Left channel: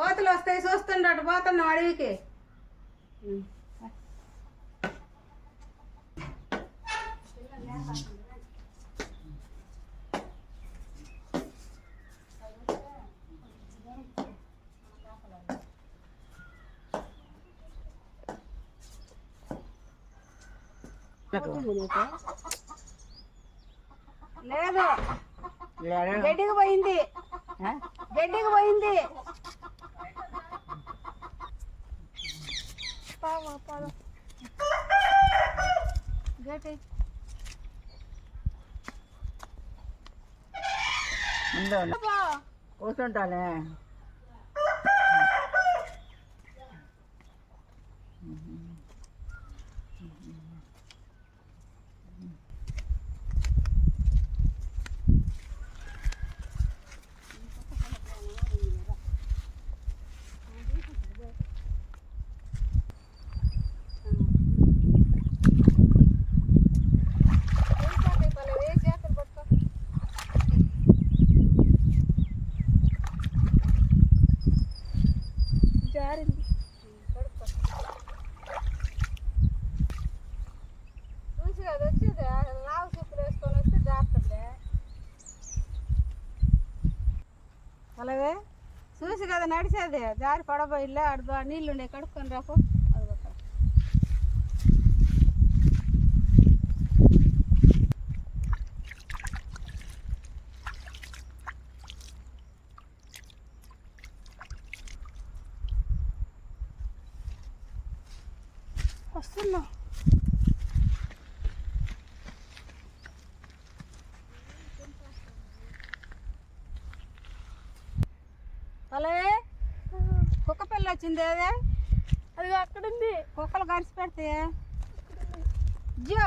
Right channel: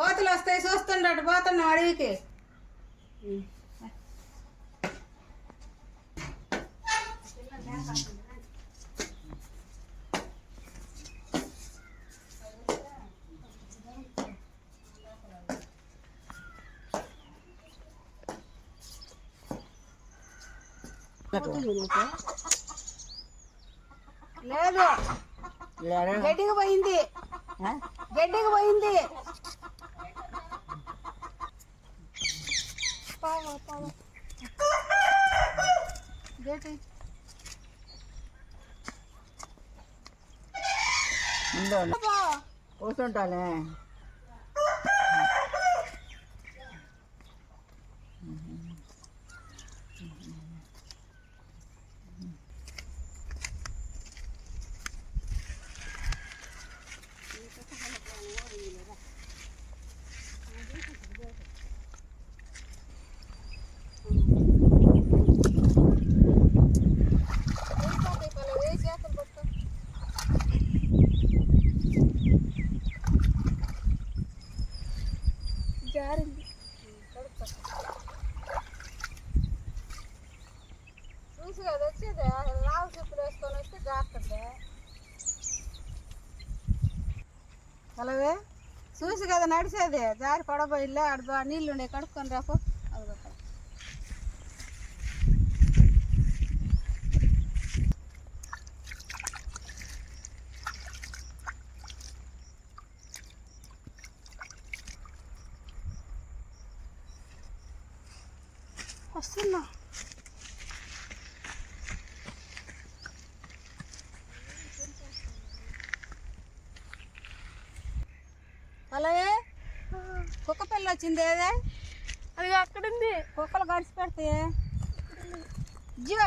కోతులు వస్తాయి చూస్తుండట పోతున్నాం అడవికి. లేదు. గడ్డికి పోయింది. గడ్డికి పోయింది. வா வா பா கேட்டு இந்த ஓசோன்டாலே నడిచేది జారి పడబోయిలే ఆడ నీళ్ళు ఉండే కడుక్కొని రాకు అదిగో అక్కడ. వస్తున్నా పొలవే కుక్క పిల్ల వచ్చింది ఏదే? అది అక్కడ ఉంది కుక్కలు గడిచి పెడితే? జో.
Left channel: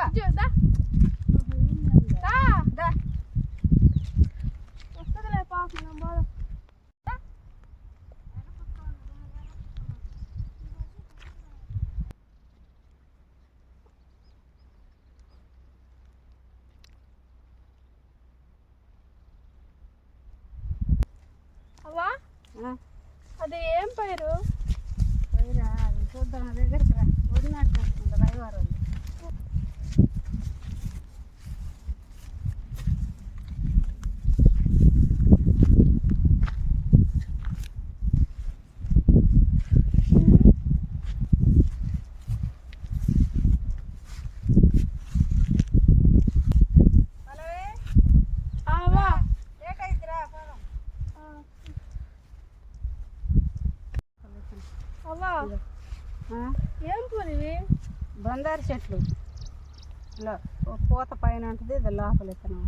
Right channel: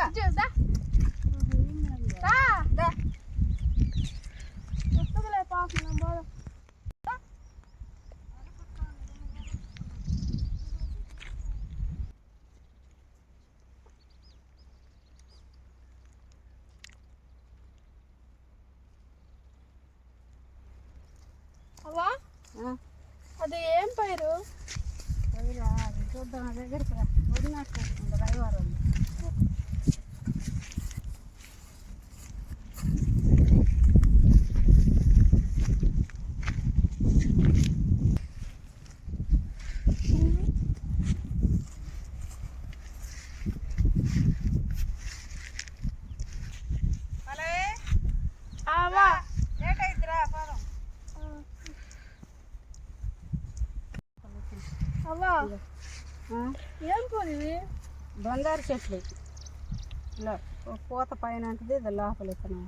అది ఏం పైరు? అది చూద్దాం నా దగ్గరికి రా. వదిలినట్టు వస్తుంది రవివారం అవ్వా లేట్ అయిద్దిరా పోదాం అవ్వా ఆ, ఏం పూలు ఇవి బంగారు చెట్లు. ఇలా పూత పైన ఉంటుంది ఇది లోపల ఇత్తనం.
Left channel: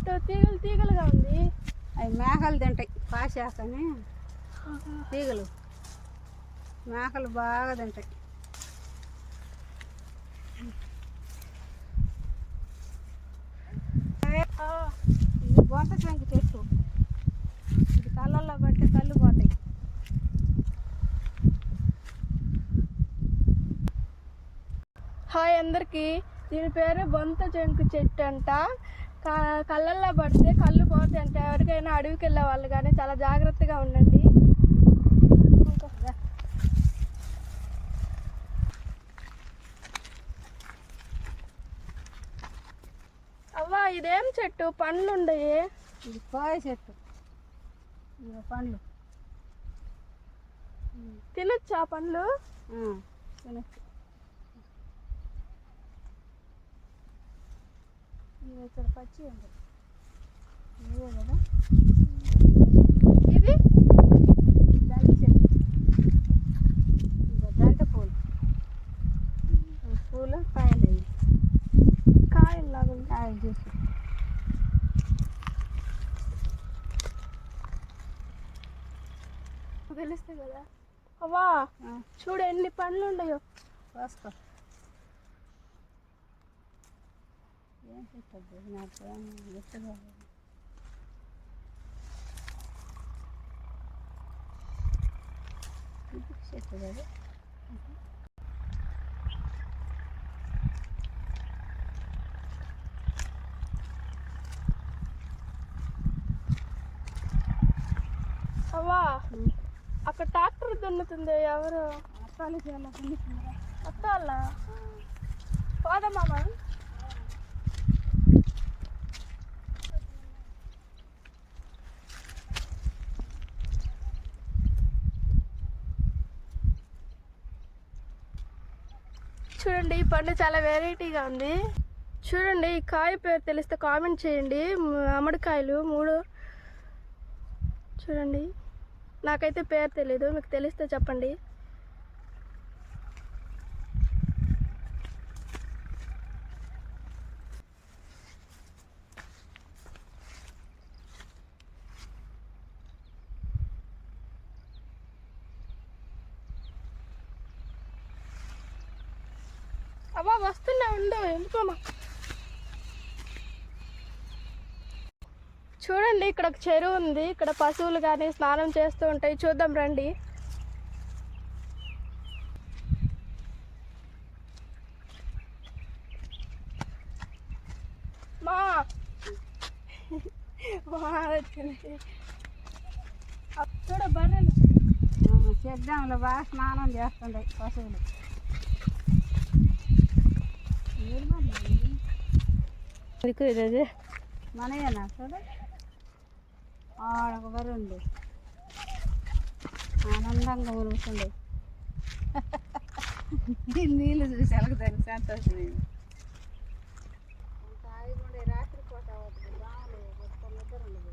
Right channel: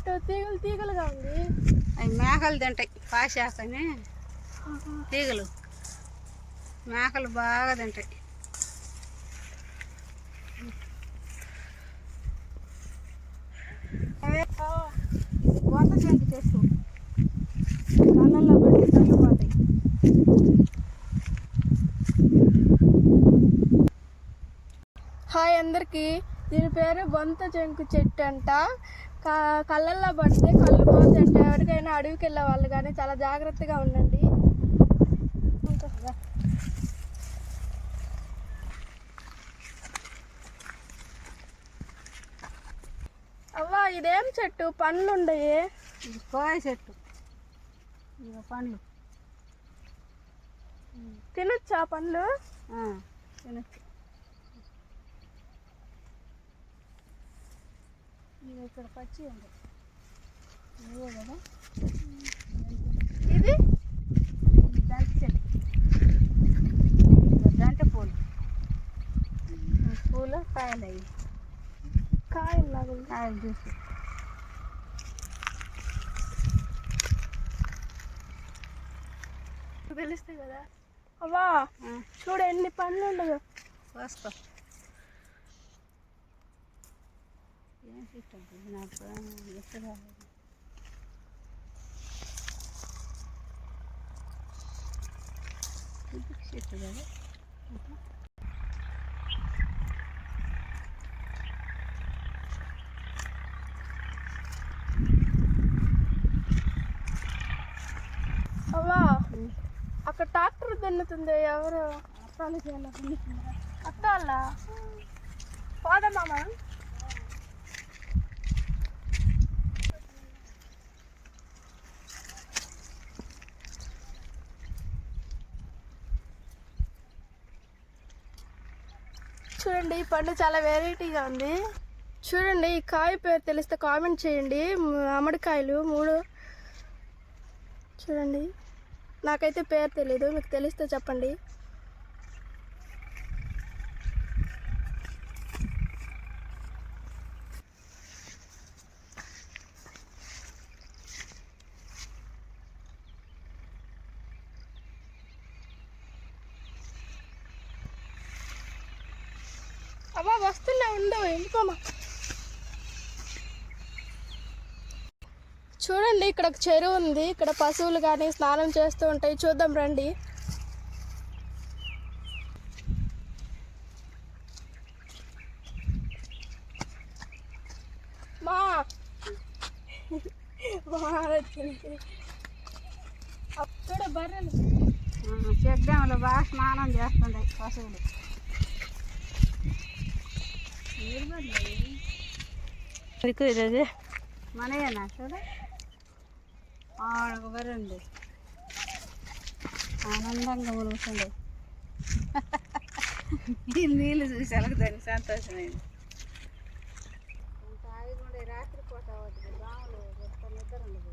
చెట్టు తీగలు తీగలుగా ఉంది. అవి మేకలు తింటాయి పాశాకని తీగలు. మేకలు బాగా తింటాయి. గొంత సంఖ్య చెట్టు కళ్ళల్లో పెట్టి తల్లిపోతాయి హాయ్ అందరికి దీని పేరు బొంత చెంకు చెట్టు అంట. కళ్ళల్లో పడితే కళ్ళు పోతాయంట ఎవరికైనా అడవికి వెళ్ళే వాళ్ళు కానీ చాలా జాగ్రత్తగా ఉండండి. అవ్వా ఇదేం చెట్టు? పండ్లు ఉండయి పోయ చెట్టు. పండ్లు. తినొచ్చా పండ్లు? తినొచ్చు. ఇక్కడ పచ్చి ఉంది. కదా. ఇది? దాంటి పూలు. పూలు కాయలు అవి కాయలు లాగా కాయలు చూసి. తెలుస్తుంది కదా. అవ్వా చూడు ఎన్ని పండ్లు ఉండదు. వస్తా. ఏం చెట్టు నాకు ఎత్తుగా చెట్టు కదా అవ్వా అక్కడ ట్రాక్టర్ దున్నుతుంది ఎవరు అప్పాలు చేయాలి పండిస్తున్నారా అత్త వాళ్ళ పోదమ్మా చూడండి ఈ పండు చాలా వెరైటీగా ఉంది. చూడండి ఈ కాయ పేరు తెలిస్తే కామెంట్ చేయండి. అమ్మడికాయలు మూడు. చూడండి నాకైతే పేరు తెలీదు మీకు తెలిస్తే చెప్పండి. అమ్మా వస్తున్నా ఉండవు ఎందుకోమా చూడండి ఇక్కడ ఒక చెరువు ఉంది. ఇక్కడ పశువులు కానీ స్నానం చేస్తూ ఉంటాయి. చూద్దాం రండి. మా. మా వచ్చింది చూడ బర్రెలు. చెడ్డంలో బాగా స్నానం చేస్తుండే పశువులు. ఇది మనయేనా సరే? ఆడకు ఆనందంగా ఉలుగుతుండే ఈ నీళ్ళు చూసి అలగదాన్ని సంతోషమైంది రాత్రి పూట అవుతుంది కొత్త నిద్ర ఉండదు.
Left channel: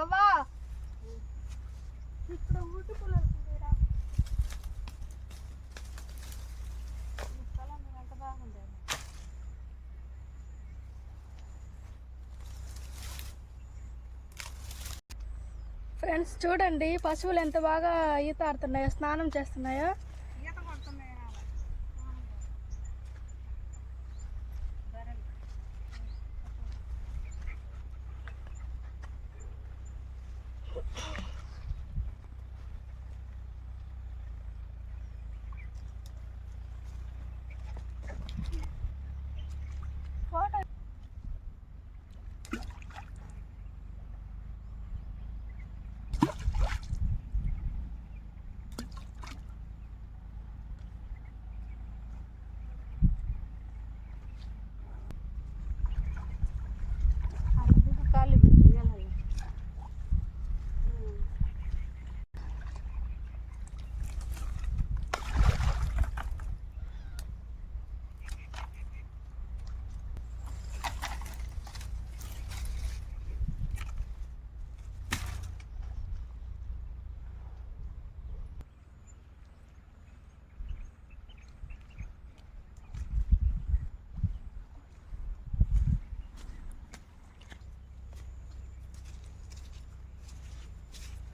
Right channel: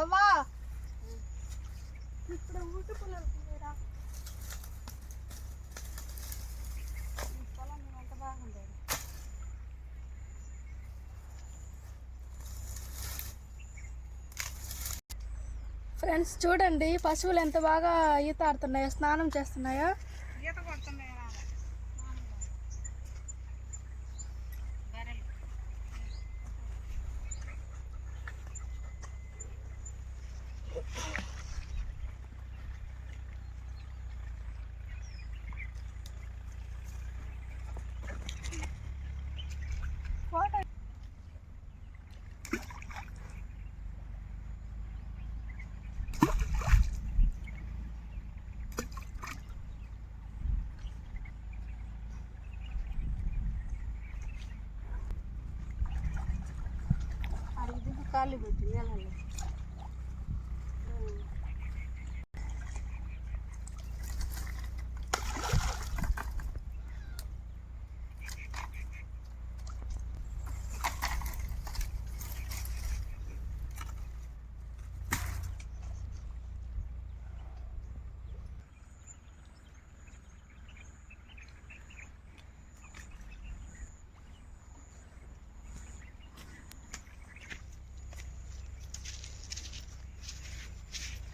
అవ్వా. ఊటి పుల్లలు ఈ స్థలం బాగుండేది ఫ్రెండ్స్ చూడండి పశువులు ఎంత బాగా ఈత ఆడుతున్నాయో స్నానం చేస్తున్నాయో ఈత కొడుతున్నాయి బర్రెలు ఫోటో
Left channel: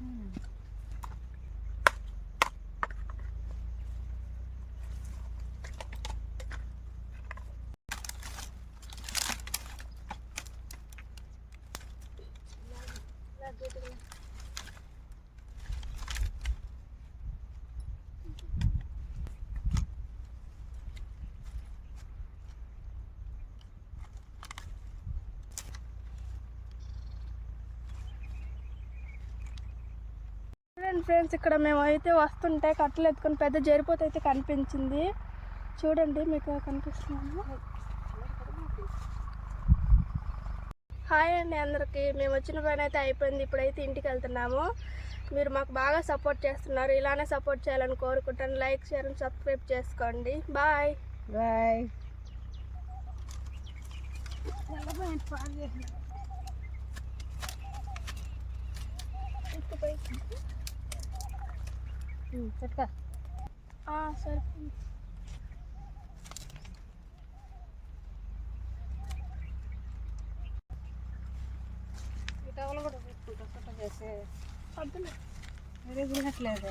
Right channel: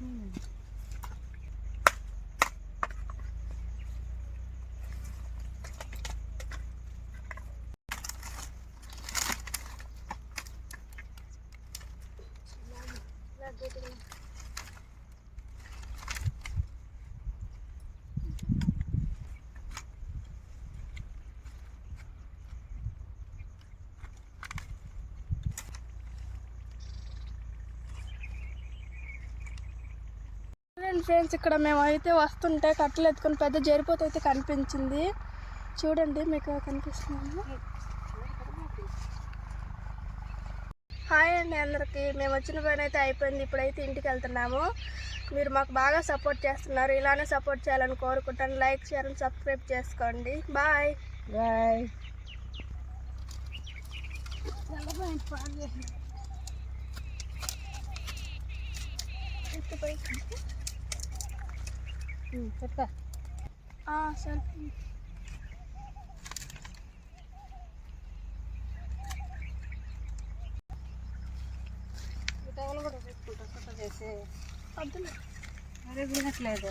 嗯。చూడండి ఫ్రెండ్స్ ఇక్కడ మేము అయితే వస్తుంటే కట్టలు ఎత్తుకొని పెద్ద జరిపోత అయితే కనిపించింది. చూడండి మీకు కనిపిస్తున్నాము హాయ్ అండి అందరికీ. మేము వచ్చిన పని అయితే అయిపోయింది. ఇప్పుడైతే ఇంటికి వెళ్తున్నాము. మీరు మాకు బాగా సపోర్ట్ చేస్తున్నారు. ఇలానే సపోర్ట్ చేయాలని కోరుకుంటాను. లైక్ షేర్ అండ్ సబ్స్క్రైబ్ చేసుకోండి. బాయ్. బాయ్. పెట్టుకో. సరే. టవల్ కూడా పెట్టుకుంటా సుట్ట చేసి. వద్దులే. మరీ వినట్లేదు